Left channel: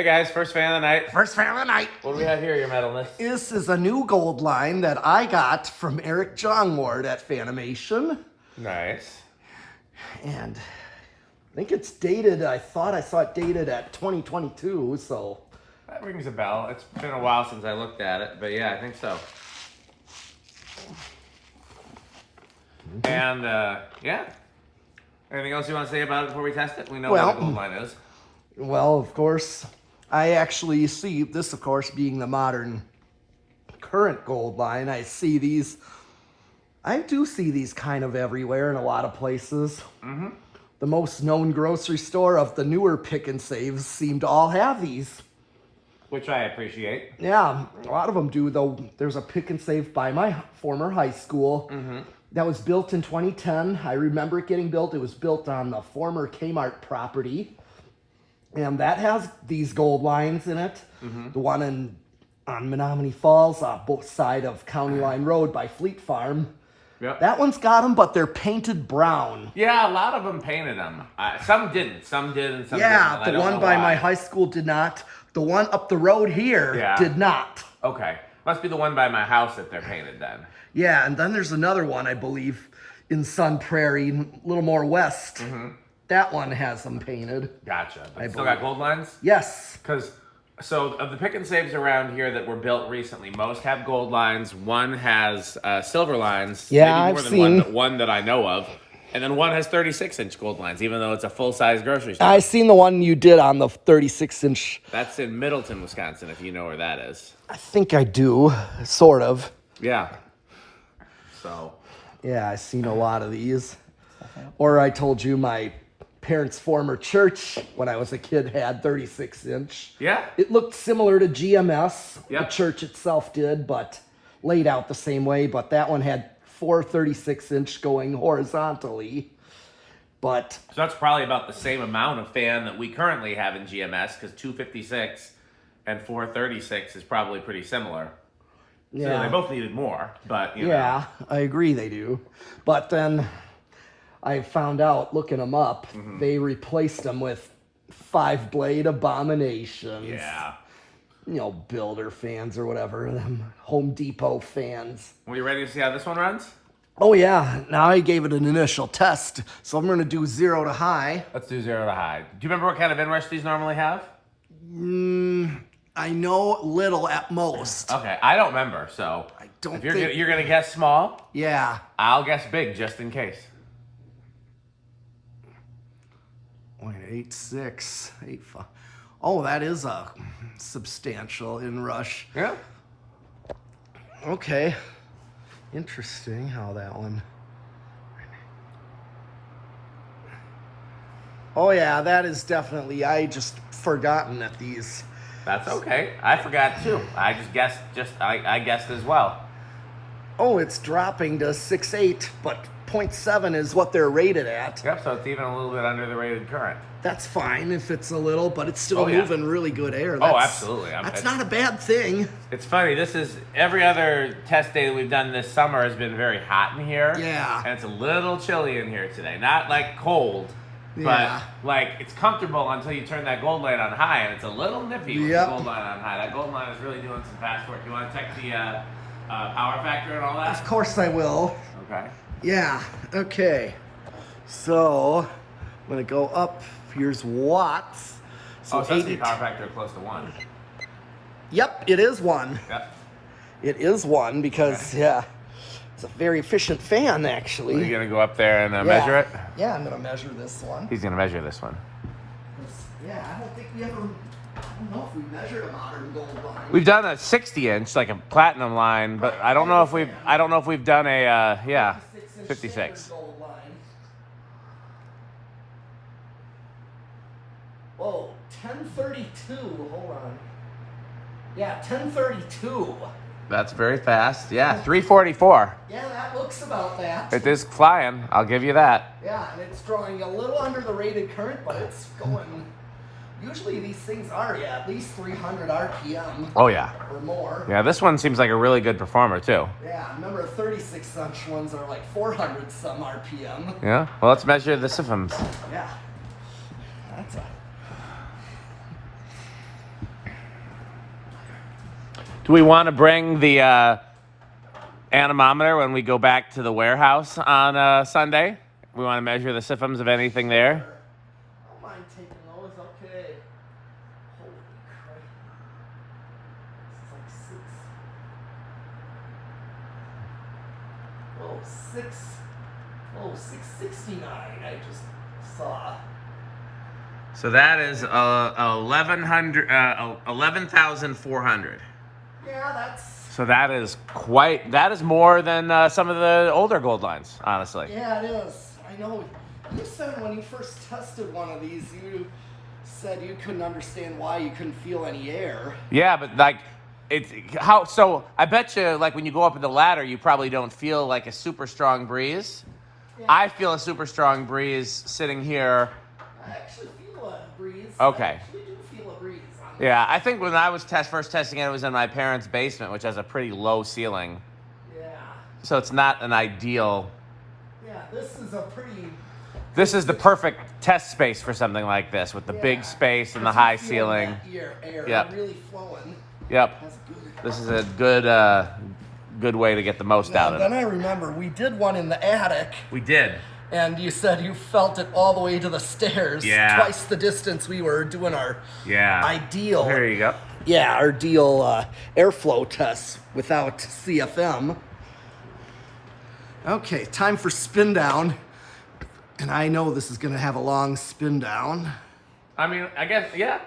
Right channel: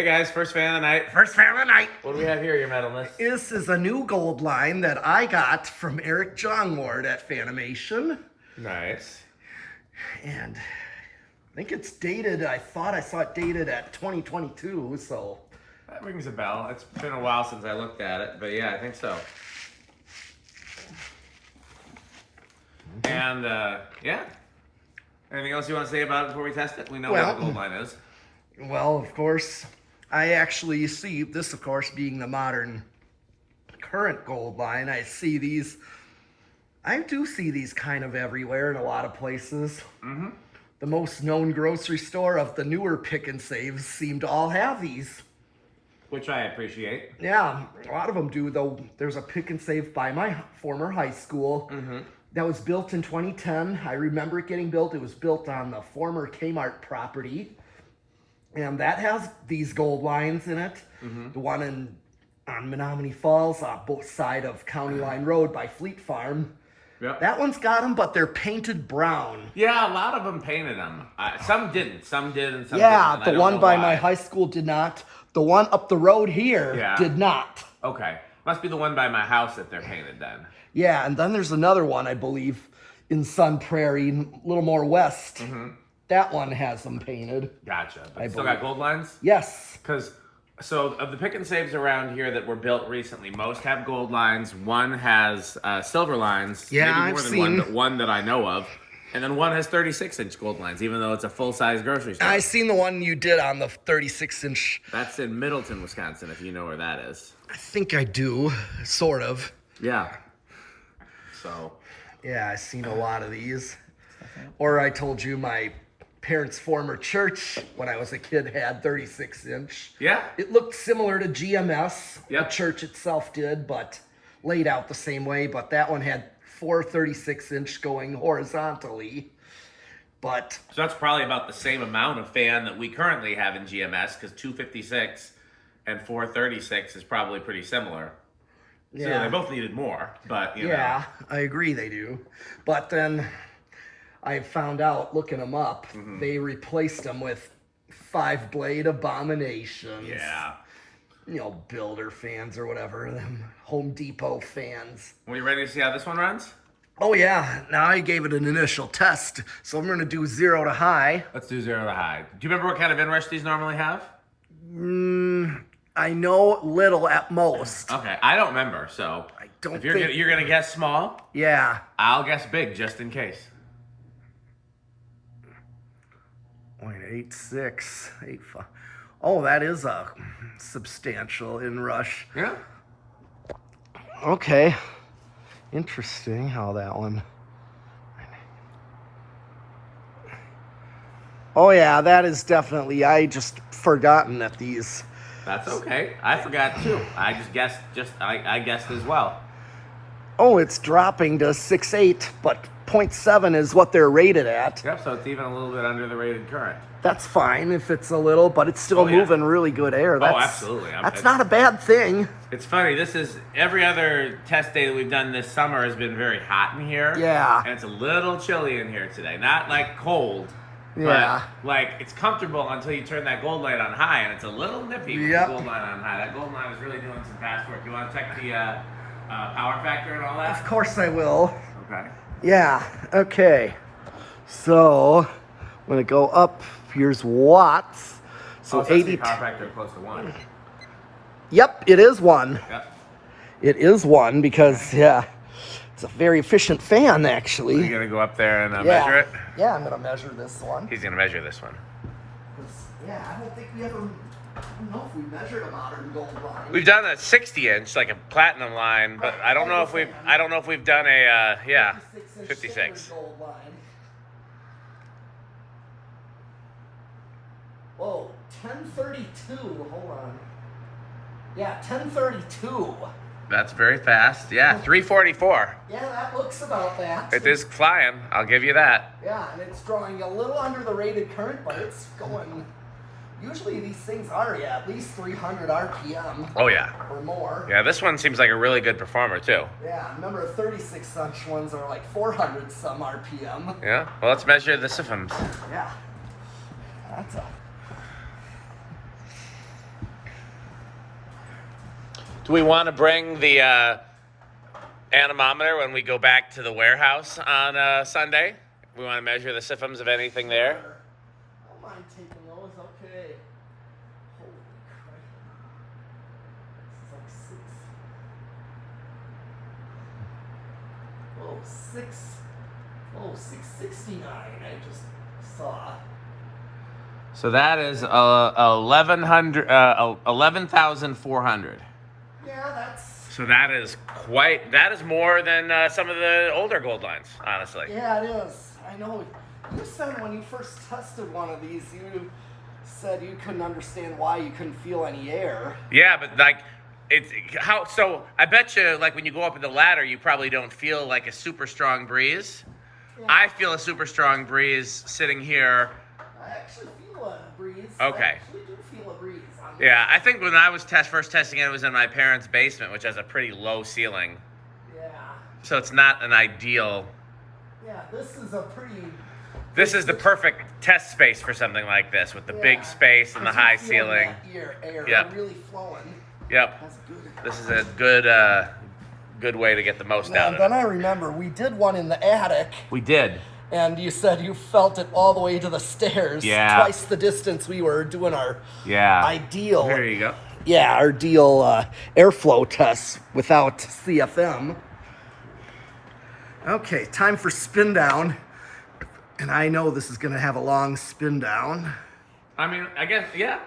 Hey guys, first fan of the night. First fan of the night. What do we have here, your metal list? This is a new gold line that I got from Erik Jongeward at Fanimation. Nice. And I think it's dated, I thought I saw it dated at 2022, so. That rings a bell. It's been a while since I looked at it, but yeah, I think so. And yeah. Anything else you want to say about it before we test it? We know what the gold line is. Well, of course, I actually see this, of course, being the modern current gold line. I do see these kind of everywhere in a lot of places. Mm-hmm. The most known grocery store of the newer pick and saves seem to all have these. Which I appreciate. Yeah, a lot of them do, though. There's a pick and save by my former high school that was built in 2010. I remember it getting built. It was built on the former Kmart property. And that has these gold lines in it. The one on Menominee Falls, both side of County Line Road by Fleet Farm. Yep. That one's got them, but they're painted brown. Yeah, a lot of them painted them. Some didn't. Some did and some didn't. The one by my high high school did not. The one up the road here did not. Okay. Must be the one by my house that they're painted then. Yeah, and then there's another one, I believe, in Sun Prairie, a little more west. That one has them painted. Gotcha. Still got gold lines? Yes. So of the pick and saves around here that were built recently, most have gold lines. One has silver lines. Yeah, maybe more than one, but one that I know of. And then one has 36-inch gold lines, even though it's a full-size grocery store. I seen the one you did on the 36-inch. That's in Middleton, Wisconsin, if you know where that is. I think I do, sort of. Yeah. So. Yeah, I seen a lot of these. Or I told you my parents' former church, when I was a kid, had 36-inch. Yeah. It looked similar to GMS. Yep. The church itself did, but laid out the same way. But that one had 4 36-inch going horizontally. But so that's probably about the same amount of fan that we currently have in GMS, because 256 and 436 is probably pretty similar. yeah, So they both needed more, but you know. I agree they do. But then I found out, looking them up, they replaced them with 5-blade abominations. Yeah. You know, builder fans or whatever, them Home Depot fans. Are you ready to see how this one runs? Oh yeah, now I gave it an initial test, so I'm gonna do 0 to high. Let's do 0 to high. Do you remember what kind of inrush these normally have? I know little at most. Okay, I don't remember, so I don't if think... you're gonna guess small, Yeah. I'll guess big just in case. 0.86, 85. Oh, that is a substantial inrush. Yeah. Okay. Interesting how that one... Oh yeah, that is definitely... I just forgotten that these... That's okay. I forgot too. I just guessed. I guessed as well. Oh, it's dropping to 6.8, but 0.7 is what they're rated at. Yep. So it's even a little bit under the rated current. That's fine if it's a little, but it's still moving really good air. That's, absolutely. That's not a bad thing. It's funny. This is every other test day that we've done this summer has been very hot in here. Yeah. And it's a little chilly in here today. Not like cold. Yeah. But, like, it's comfortable until you turn that gold light on high, and it's a little nippy with Yep. the gold light on high. That gold line is really doing some fast work. You want to check the power factor and all that? Of course I will. Okay. Yeah, okay. So, I'm going to go up. Here's watts. So, so 80. Power factor close to 1. Yep, it is 1. Yep. It is 1 because, yeah, it's a very efficient fan, actually. Are you going to go up there and measure it? Yeah, I'm going to measure this one. He's going to measure this one. Yeah, I don't think we ever... I don't know if we measured a modern gold line. We've done a 60-inch, like a platinum line, but I don't know if we've done a 56. Gold line. Whoa, 1032. Hold on. Yeah, 1032. That's very fast. Yeah, 344. Yeah, that looks about that. It is flying. I'll give you that. Yeah, and it's drawing a little under the rated current, but it's going. Usually these things are, at least 300 RPM. Oh, yeah. Or more. Yeah, this one seems like a really good performer, too. Yeah, remember 36-inch ones are like 400 some RPM. Yeah, well, let's measure the systems. Yeah. That's a... Do we want to bring the anemometer when we go back to the warehouse on Sunday? We want to measure the systems of anything there. I don't mind taking those. Okay. Holy crap. This is like 669. I just saw. So that is 11,400. Yeah, that's. So that is more than some of the older gold lines, honestly. Yeah, it is. I know. You said when you first tested one of these, you said you couldn't understand why you couldn't feel any air. Yeah, but like, so I bet you, like, when you go up in the ladder, you probably don't feel like a super strong breeze. Yeah. I feel a super strong breeze sitting here. I actually feel a breeze. Okay. I actually do feel a breeze. Yeah, I think when I was first testing it was in my parents' basement, which has a pretty low ceiling. Yeah. So it's not an ideal. Yeah, this is a pretty. This is the perfect test space for something like this, with the big space and the high ceiling. Air Yep. really flowing. Yep. That's good. This is a good way to get the most out of Then it. I remember we did one in the attic, We did. and you said you felt it all the way to the stairs. Yeah. Twice the distance we were doing our ideal. Here you go. Yeah, our deal airflow tests without CFM. Okay, time for spin down. And I know this is going to have a long spin down. I mean, I guess, yeah.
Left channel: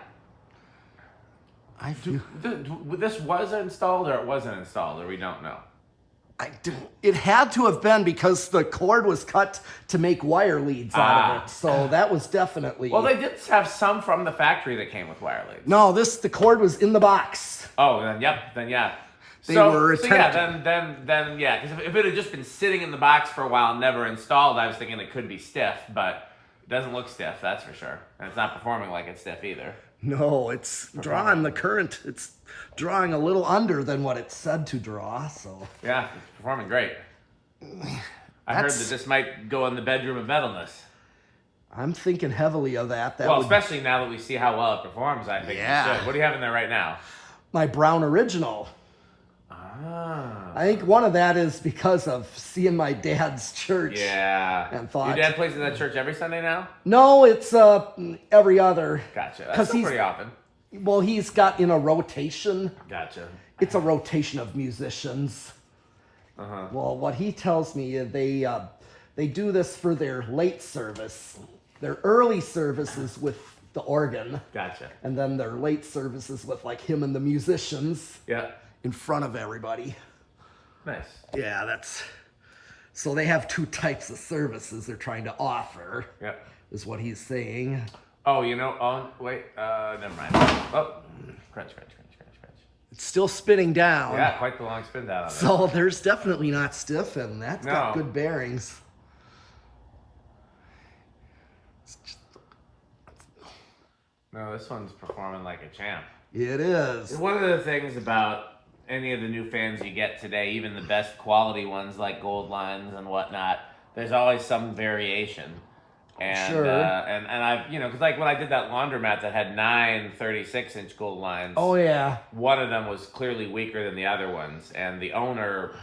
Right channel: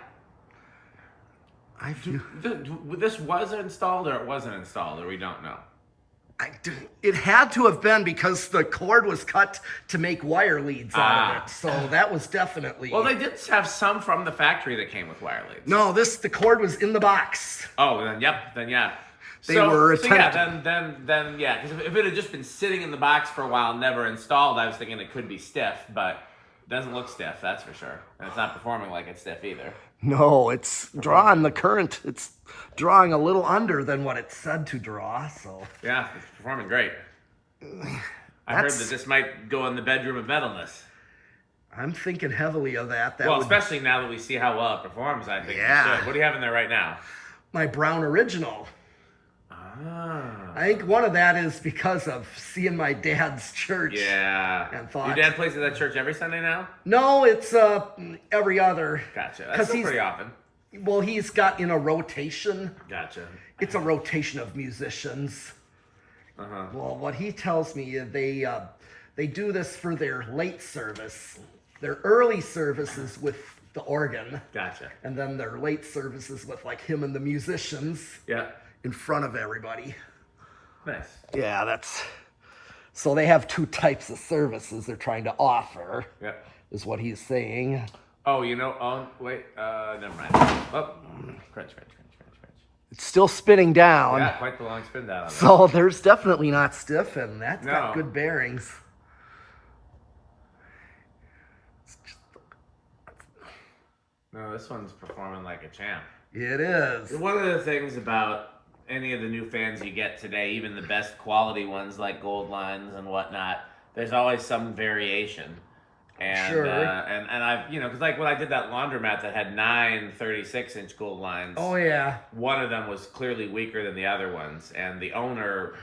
I feel This was installed or it wasn't installed, or we don't know. it had to have been because the cord was cut to make wire leads out of it. So that was definitely. Well, they did have some from the factory that came with wire leads. No, the cord was in the box. Oh, then yeah. They were attempting. Yeah, then yeah. Because if it had just been sitting in the box for a while and never installed, I was thinking it could be stiff, but it doesn't look stiff, that's for sure. And it's not performing like it's stiff either. No, it's drawing the current. It's drawing a little under than what it said to draw. So Yeah, it's performing great. I heard that this might go in the bedroom of metalness. I'm thinking heavily of that. That Well, would especially now that we see how well it performs, I think. Yeah. It should. What do you have in there right now? my brown original. Ah. I think one of that is because of seeing my dad's church. Yeah. And thought. Your dad plays at that church every Sunday now? No, it's every other. Gotcha. That's still pretty often. Well, he's got in a rotation. Gotcha. It's a rotation of musicians. Uh-huh. Well, what he tells me is they do this for their late service. Their early services with the organ. Gotcha. And then their late services with like him and the musicians. Yeah. In front of everybody. Nice. Yeah, so they have two types of services they're trying to offer. Yeah. Is what he's saying. Oh, wait, never mind. Oh, crunch. It's still spinning down. Yeah, quite the long spin down. So there's definitely not stiff, and that's got good bearings. No, this one's performing like a champ. It is. One of the things about any of the new fans you get today, even the best quality ones like Goldlines and whatnot, there's always some variation. And, sure. And I've, because like when I did that laundromat that had 9 36-inch gold lines. Oh, yeah. One of them was clearly weaker than the other ones. And the owner,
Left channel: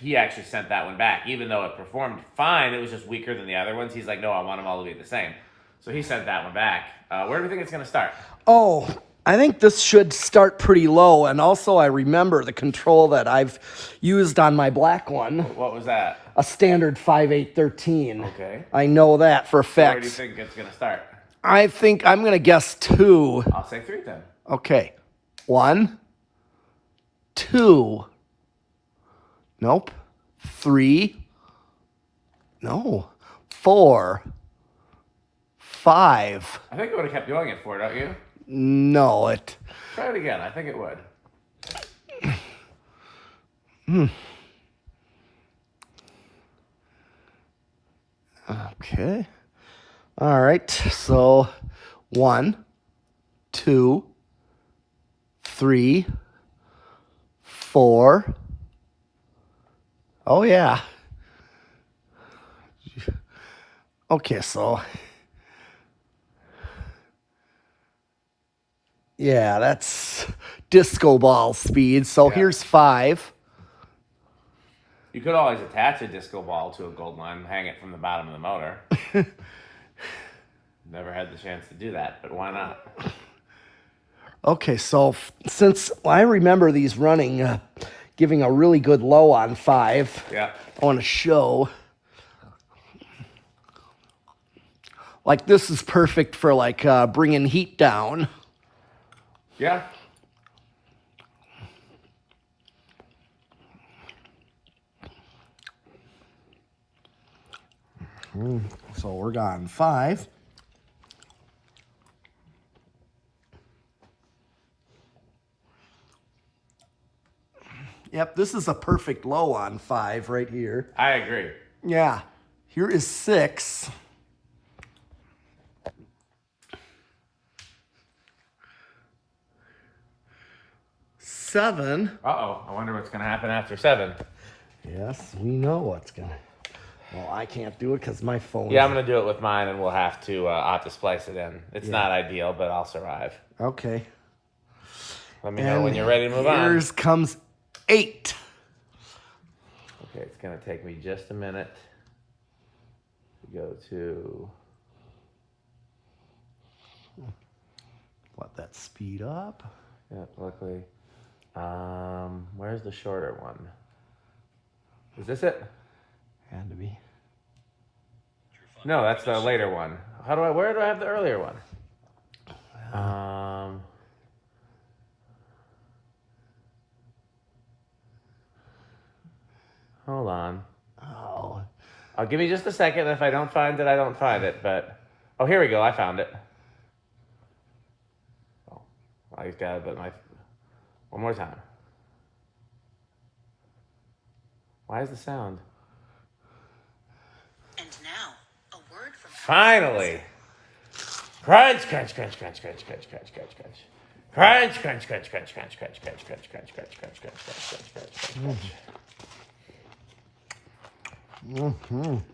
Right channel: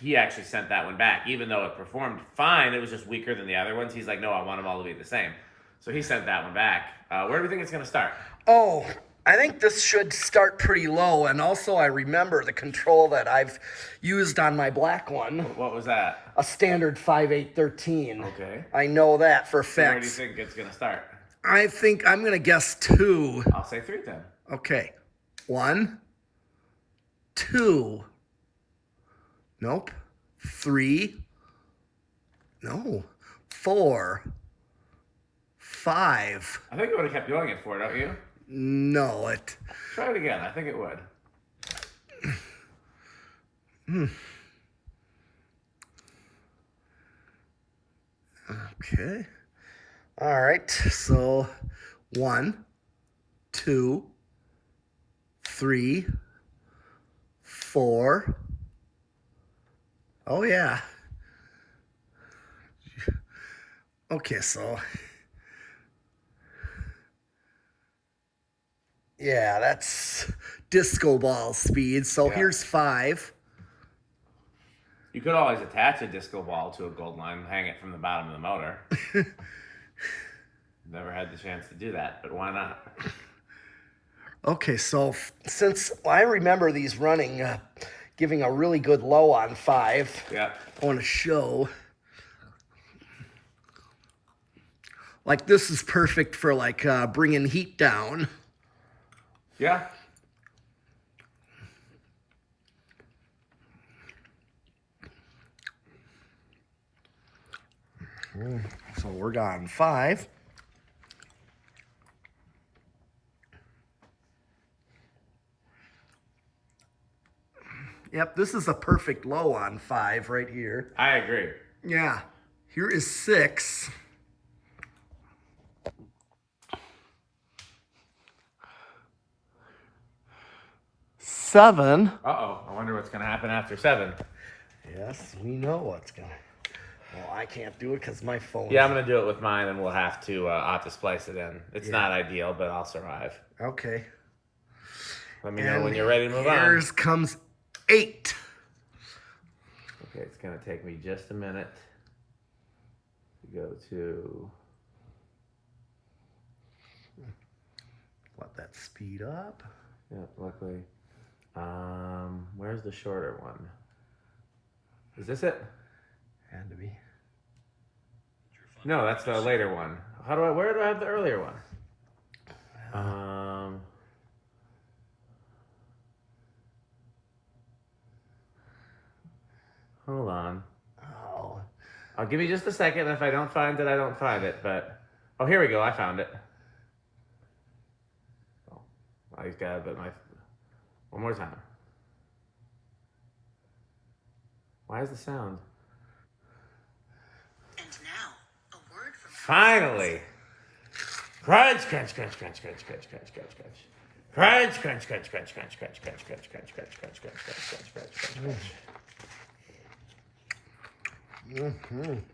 he actually sent that one back. Even though it performed fine, it was just weaker than the other ones. He's like, no, I want them all to be the same. So he sent that one back. Where do you think it's going to start? Oh, I think this should start pretty low. And also, I remember the control that I've used on my black one. What was that? A standard 5813. Okay. I know that for a fact. Where do you think it's going to start? I think I'm going to guess 2. I'll say 3 then. Okay. 1, 2. Nope. 3. No. 4. 5. I think it would have kept going at 4, don't you? No, it. Try it again. I think it would. Okay. All right. So 1, 2, 3, 4. Oh, yeah. Okay, so. Yeah, that's disco ball speed. So here's 5. You could always attach a disco ball to a gold line and hang it from the bottom of the motor. Never had the chance to do that, but why not? Okay, so since I remember these running, giving a really good low on 5, Yeah. I want to show. Like this is perfect for like bringing heat down. Yeah. So we're gone 5. Yep, this is a perfect low on 5 right here. I agree. Yeah, here is 6. 7. Uh-oh. I wonder what's going to happen after 7. Yes, we know what's gonna. Well, I can't do it because my phone. Yeah, I'm going to do it with mine, and I'll have to splice it in. It's not ideal, but I'll survive. Okay. Let me know when you're ready to move on. Here's comes 8. Okay, it's going to take me just a minute to go to... Let that speed up. Yeah, luckily. Where's the shorter one? Is this it? Had to be. No, that's the later one. Where do I have the earlier one? Hold on. Oh. I'll give me just a second. If I don't find it, I don't find it. But oh, here we go. I found it. Oh, I got it, but one more time. Why is the sound? And now, a word from Finally! Crunch, crunch, crunch, crunch, crunch, crunch, crunch, crunch, crunch. Crunch, crunch, crunch, crunch, crunch, crunch, crunch, crunch, crunch, crunch, crunch, crunch, crunch, crunch, crunch.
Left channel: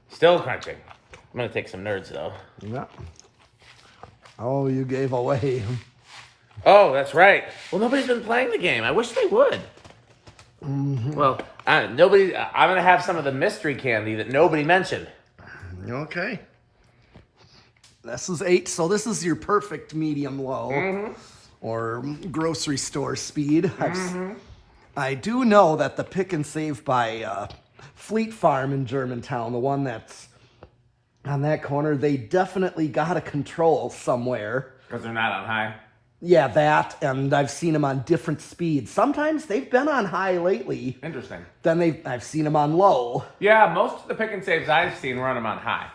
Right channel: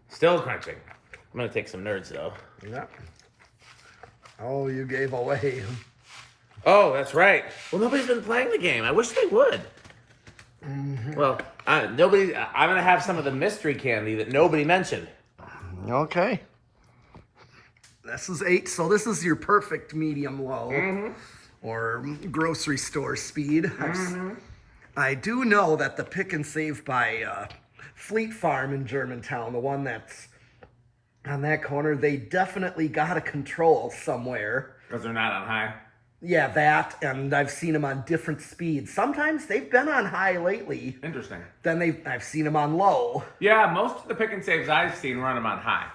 Still crunching. I'm gonna take some nerds though. Yeah. Oh, you gave away. Oh, that's right. Well, nobody's been playing the game. I wish they would. Well, nobody. I'm gonna have some of the mystery candy that nobody mentioned. Okay. This is 8, so this is your perfect medium low or grocery store speed. I do know that the Pick and Save by Fleet Farm in Germantown, the one that's on that corner, they definitely got a control somewhere. Because they're not on high. Yeah, that, and I've seen them on different speeds. Sometimes they've been on high lately. Interesting. Then I've seen them on low. Yeah, most of the pick and saves I've seen run them on high.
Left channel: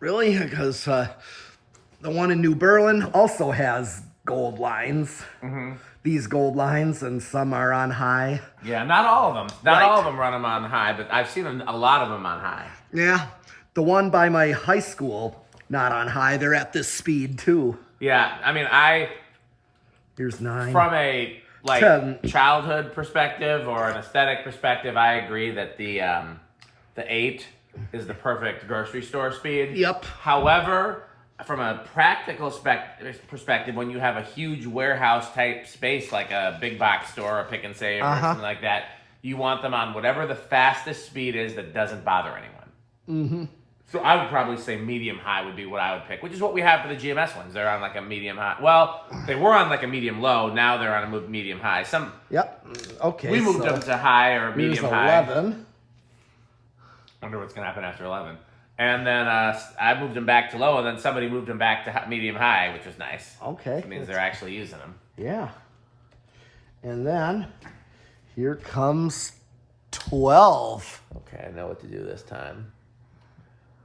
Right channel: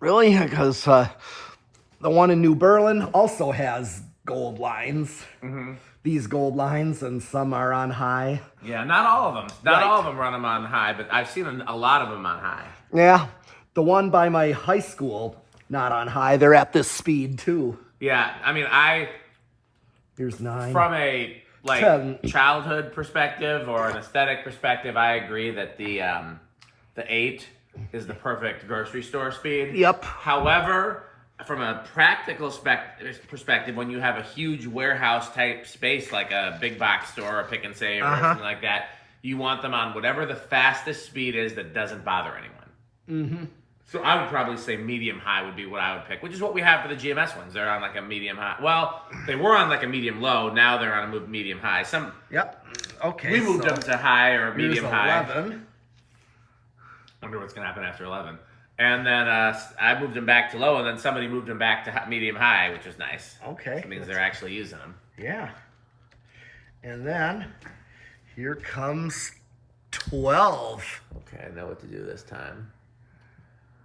Really? Because the one in New Berlin also has gold lines. These gold lines, and some are on high. Yeah, not all of them. Not Right. all of them run them on high, but I've seen a lot of them on high. Yeah, the one by my high school, not on high. They're at this speed too. Yeah, I mean, Here's 9. from a 10. childhood perspective or an aesthetic perspective, I agree that the 8 is the perfect grocery store speed. Yep. However, from a practical perspective, when you have a huge warehouse type space like a big box store, a Pick and Save, or something like that, you want them on whatever the fastest speed is that doesn't bother anyone. So I would probably say medium high would be what I would pick, which is what we have for the GMS ones. They're on like a medium high. Well, they were on like a medium low. Now they're on a medium high. Yep. Okay. We moved them to high or Here's medium high. 11. Wonder what's gonna happen after 11. And then I moved them back to low, and then somebody moved them back to medium high, which was nice. Okay. That means they're actually using them. Yeah. And then here comes 12. Okay, I know what to do this time.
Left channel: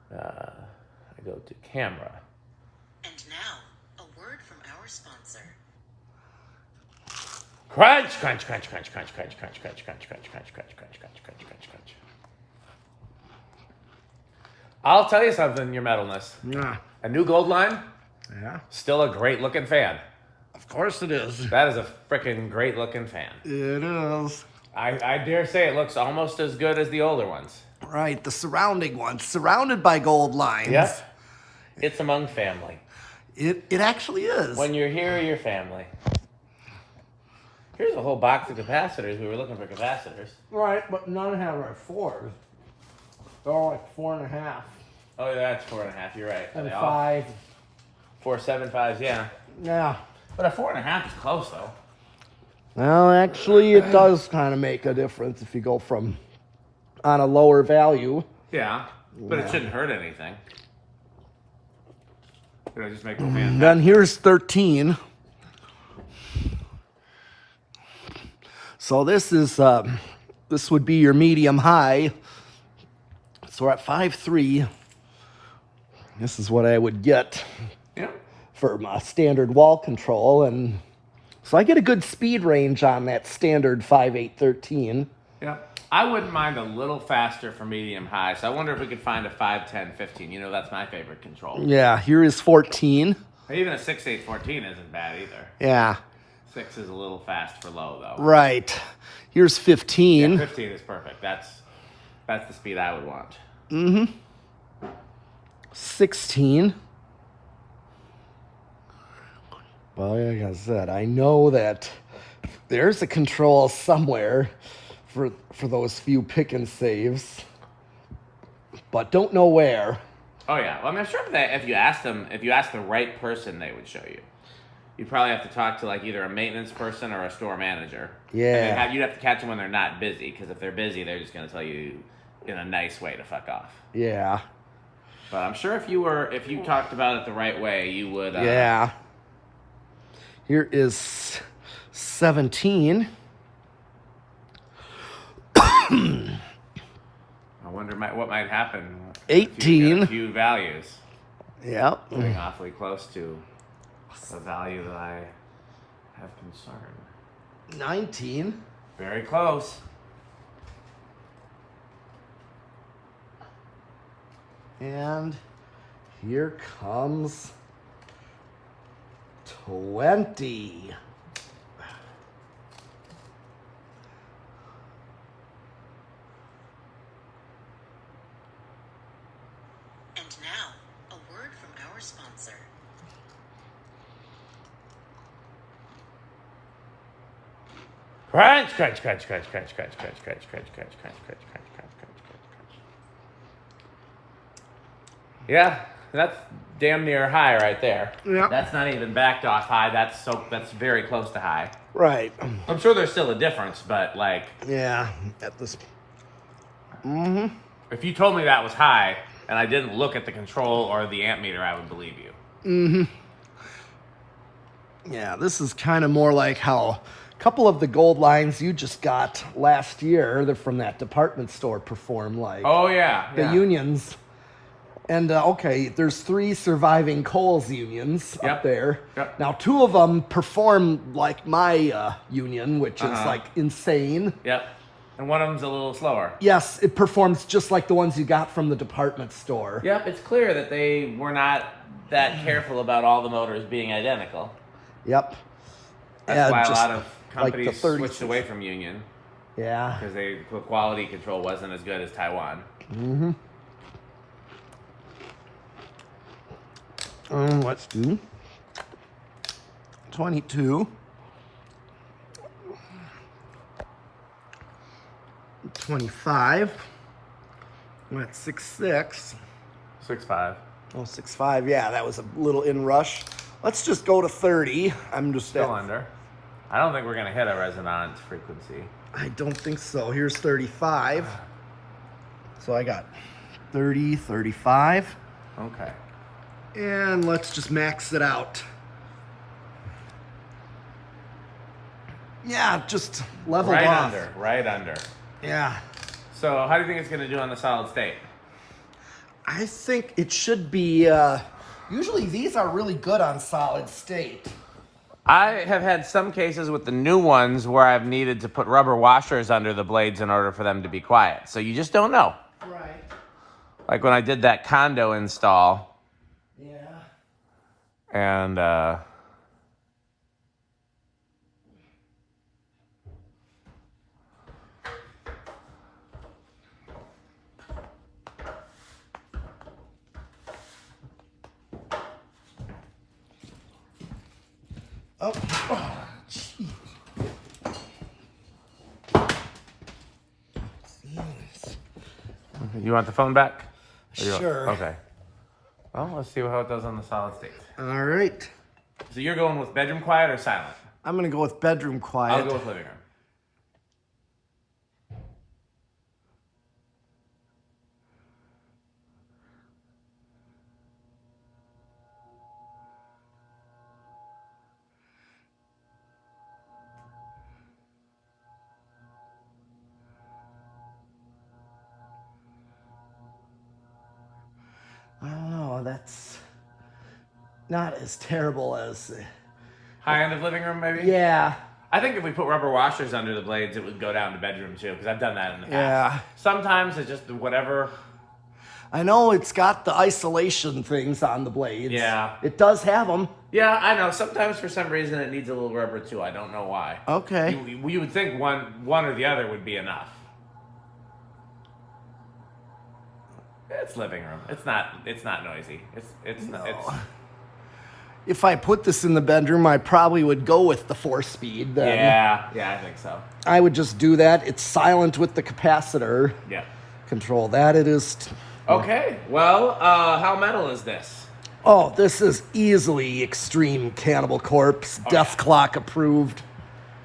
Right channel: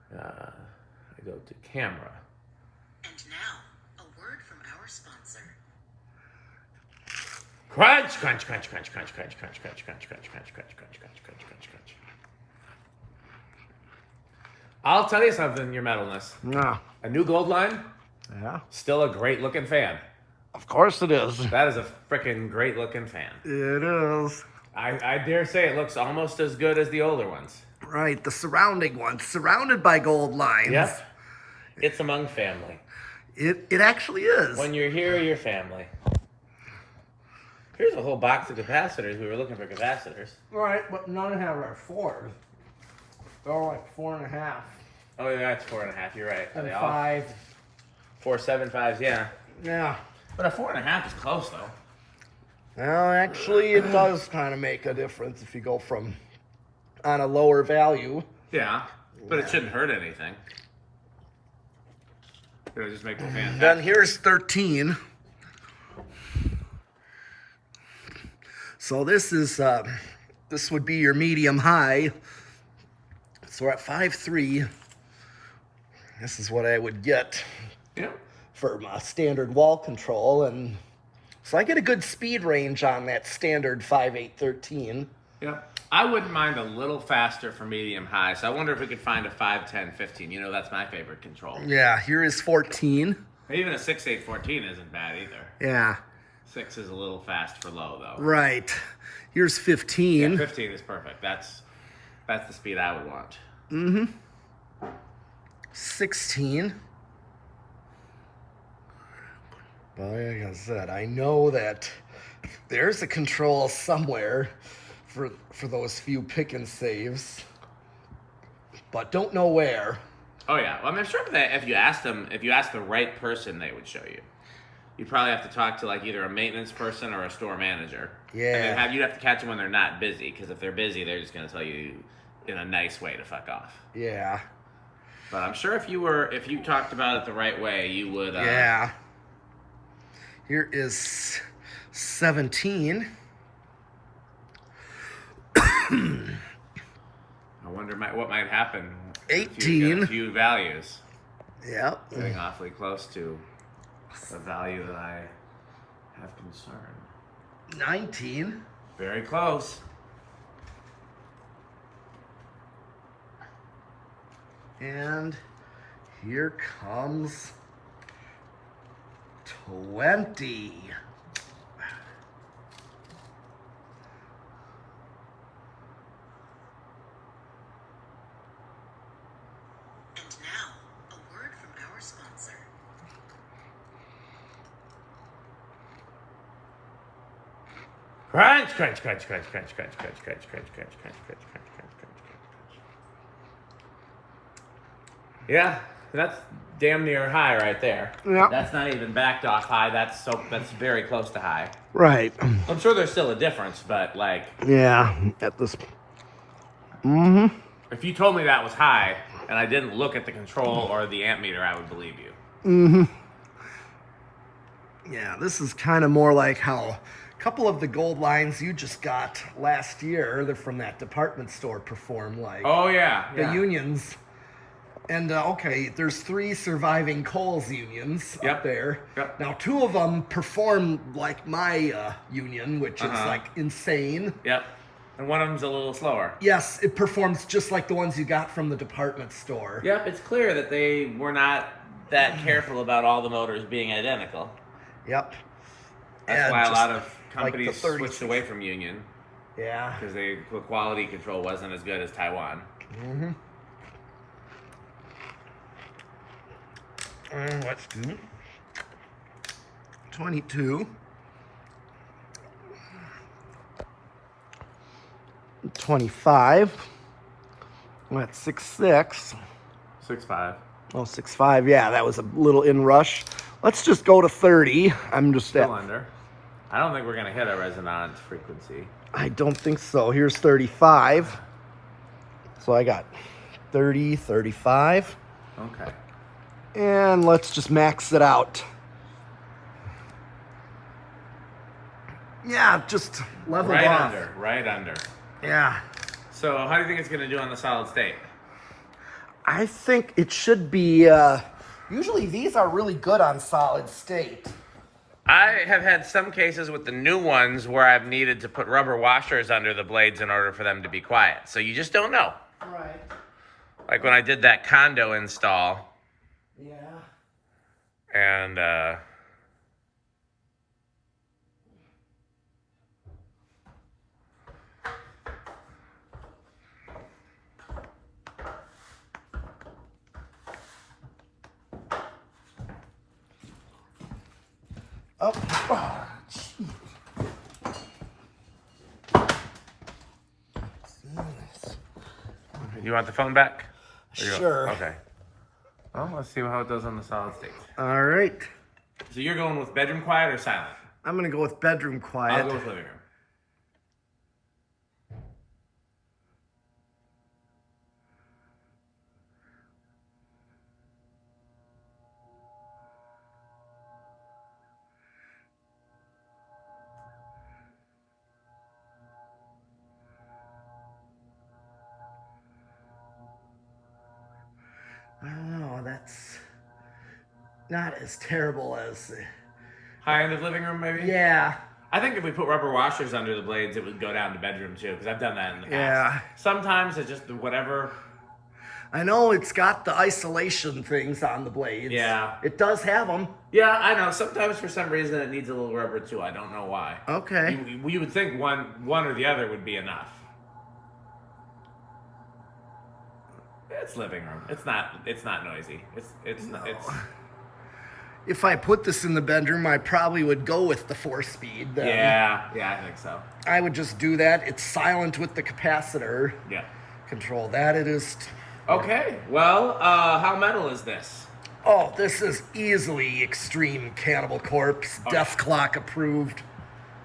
I go to camera. And now, a word from our sponsor. Crunch, crunch, crunch, crunch, crunch, crunch, crunch, crunch, crunch, crunch, crunch, crunch, crunch, crunch, crunch, crunch, crunch. I'll tell you something, your metalness. Yeah. A new Goldline, Yeah. still a great looking fan. Of course it is. That is a freaking great looking fan. It is. I dare say it looks almost as good as the older ones. Right, the surrounding ones, surrounded by gold lines. Yep. It's among family. It actually is. When you're here, you're family. Here's a whole box of capacitors. We were looking for capacitors. Right, but none have our 4s. They're like 4.5. Oh, yeah, that's 4.5. You're right. Are And they all 5. 4.75s? Yeah. Yeah. But a 4.5 is close though. Well, actually, it does kind of make a difference if you go from on a lower value. Yeah, but it shouldn't hurt anything. It'll just make the fan. Then here's 13. So this is this would be your medium high. So we're at 5.3. This is what I would get Yeah. for my standard wall control, and so I get a good speed range on that standard 5.8.13. Yeah. I wouldn't mind a little faster for medium high, so I wonder if we could find a 5.10.15. You know, that's my favorite control. Yeah, here is 14. Even a 6.8.14 isn't bad either. Yeah, 6 is a little fast for low though. right. Here's 15. Yeah, 15 is perfect. That's the speed I would want. 16. Well, like I said, I know that there's a control somewhere for those few pick and saves, but don't know where. Oh yeah. Well, I mean, I'm sure that if you asked the right person, they would show you. You'd probably have to talk to like either a maintenance person or a store manager. Yeah. And you'd have to catch them when they're not busy, because if they're busy, they're just going to tell you in a nice way to fuck off. Yeah. But I'm sure if you talked about it the right way, you would. Yeah. Here is 17. I wonder what might happen. 18. A few values. Yep. Getting awfully close to the value that I have concern. 19. Very close. And here comes 20. And now, a word from our sponsor. Crunch, crunch, crunch, crunch, crunch, crunch, crunch, crunch, crunch, crunch, crunch, crunch, crunch, crunch, crunch. Yeah, that's damn near high right there. Yep. That's not even backed off high. That's very close to high. Right. I'm sure there's still a difference, but like Yeah. At this. if you told me that was high and I didn't look at the control or the amp meter, I would believe you. Yeah, this is kind of more like how a couple of the gold lines you just got last year, they're from that department store, perform like Oh yeah. the unions. And okay, there's 3 surviving Kohl's unions Yep. up there. Yep. Now 2 of them perform like my union, which is like insane. Yep. And one of them's a little slower. Yes, it performs just like the ones you got from the department store. Yeah, it's clear that they were not that careful about all the motors being identical. Yep. That's And why a just lot of like the companies 30. switched away from Union, Yeah. because the quality control wasn't as good as Taiwan. Let's do 22. 25. That's 6.6. 6.5. Oh, 6.5. Yeah, that was a little in rush. Let's just go to 30. I'm just at. Still under. I don't think we're gonna hit a resonance frequency. I don't think so. Here's 35. So I got 30, 35. Okay. And let's just max it out. Yeah, just leveled off. Right under. Yeah. So how do you think it's gonna do on the solid state? I think it should be, usually these are really good on solid state. I have had some cases with the new ones where I've needed to put rubber washers under the blades in order for them to be quiet. So you just don't know. Right. Like when I did that condo install, Yeah. and Oh, gee. You want the phone back? Sure. Okay. Well, let's see how it does on the solid state. All right. So you're going with bedroom quiet or silent? I'm going to go with bedroom quiet. I'll go with living room. I don't know. That's not as terrible as... High end of living room, maybe? Yeah. I think if we put rubber washers under the blades, it would go down to bedroom too, because I've done that in the past. Yeah. Sometimes it's just whatever. I know it's got the isolation things on the blades. Yeah. It does have them. Yeah, I know. Sometimes for some reason it needs a little rubber too. I don't know why. Okay. You would think one or the other would be enough. It's living room. It's not noisy. It's If I put this in the bedroom, I probably would go with the 4-speed then. Yeah, I think so. I would just do that. It's silent with the capacitor. Yeah. Control that. It is. Okay. Well, how metal is this? Oh, this is easily Extreme Cannibal Corpse. Death Clock approved.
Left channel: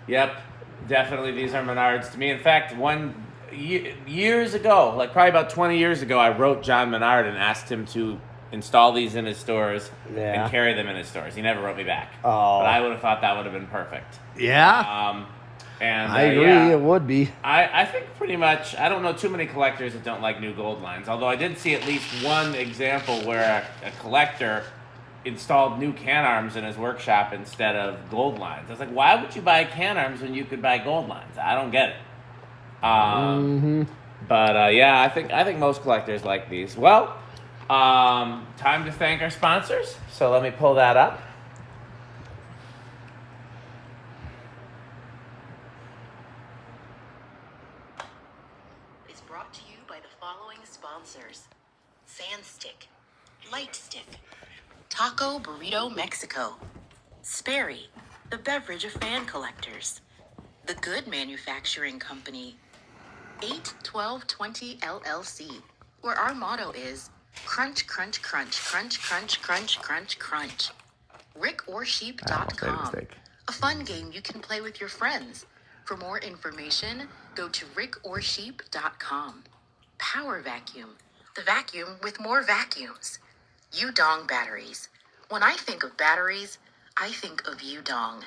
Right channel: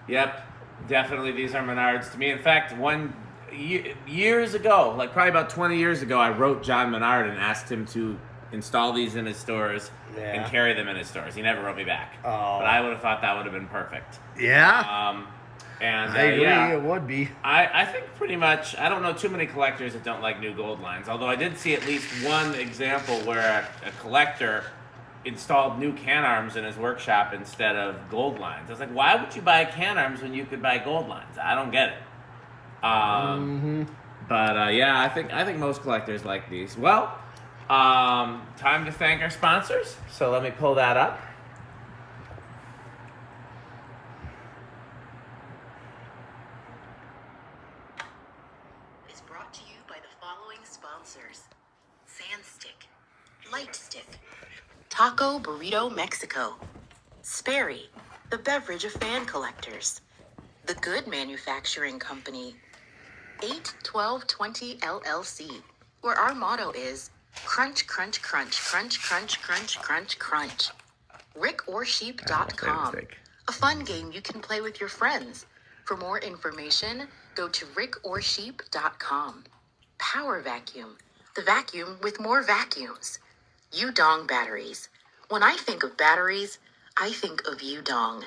Yep. Definitely these are Menards to me. In fact, years ago, like probably about 20 years ago, I wrote John Menard and asked him to install these in his stores and carry them in his stores. He never wrote me back. Oh. But I would have thought that would have been perfect. Yeah. And I agree. yeah, It would be. I think pretty much, I don't know too many collectors that don't like new gold lines, although I did see at least one example where a collector installed new can arms in his workshop instead of gold lines. I was like, why would you buy can arms when you could buy gold lines? I don't get it. But yeah, I think most collectors like these. Well, time to thank our sponsors. So let me pull that up. Is brought to you by the following sponsors: Sandstick, Lightstick, Taco Burrito Mexico, Sperry, the beverage of fan collectors, The Good Manufacturing Company, 81220 LLC, where our motto is crunch, crunch, crunch, crunch, crunch, crunch, crunch, crunch. RickOrSheep.com, a fun game you can play with your friends. For more information, go to RickOrSheep.com. Power Vacuum, the vacuum with more vacuums. Udong batteries. When I think of batteries, I think of Udong.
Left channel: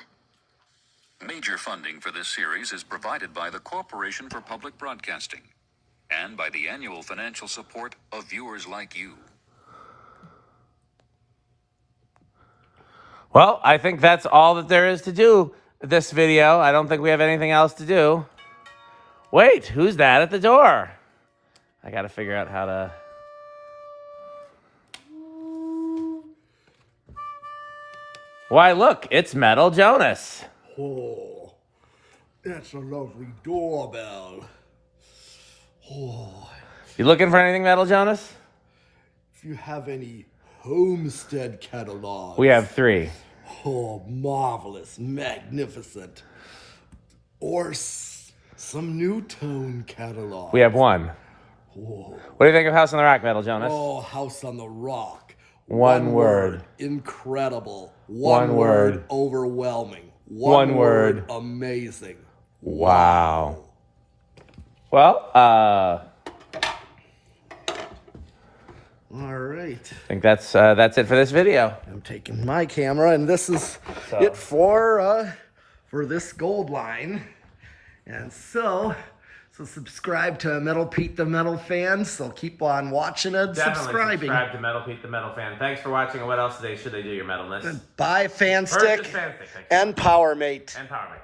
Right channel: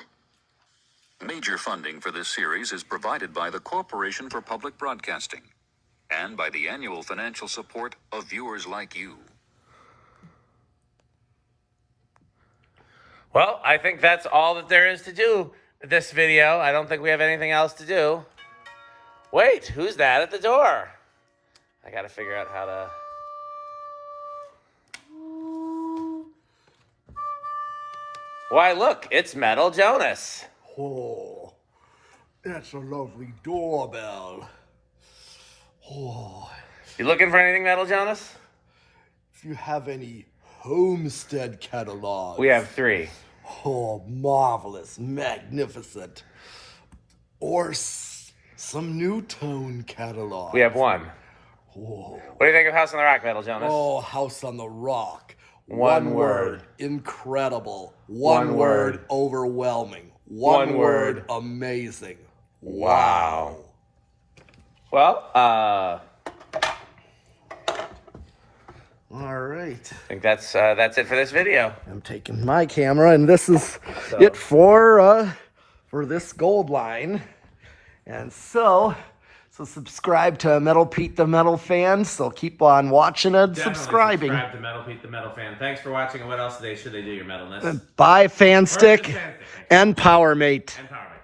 Major funding for this series is provided by the Corporation for Public Broadcasting and by the annual financial support of viewers like you. Well, I think that's all that there is to do this video. I don't think we have anything else to do. Wait, who's that at the door? I gotta figure out how to... Why, look, it's Metal Jonas. Oh, that's a lovely doorbell. Oh, You looking for anything, Metal Jonas? if you have any Homestead catalogs. We have 3. Oh, marvelous, magnificent. Or some New Tone catalogs. We have 1. Oh, What do you think of House on the Rock, Metal Jonas? oh, House on the Rock. One word. Incredible. One One word. Overwhelming. One One word. word. Amazing. Wow. Well, All right. I think that's it for this video. I'm taking my camera, and this is it for this gold line. And so subscribe to Metal Pete the Metal Fan. So keep on watching and subscribing. Subscribe to Metal Pete the Metal Fan. Thanks for watching. And what else today should they do your metalness? Buy Fanstick Purchase Fanstick, thank you. and PowerMate. And PowerMate.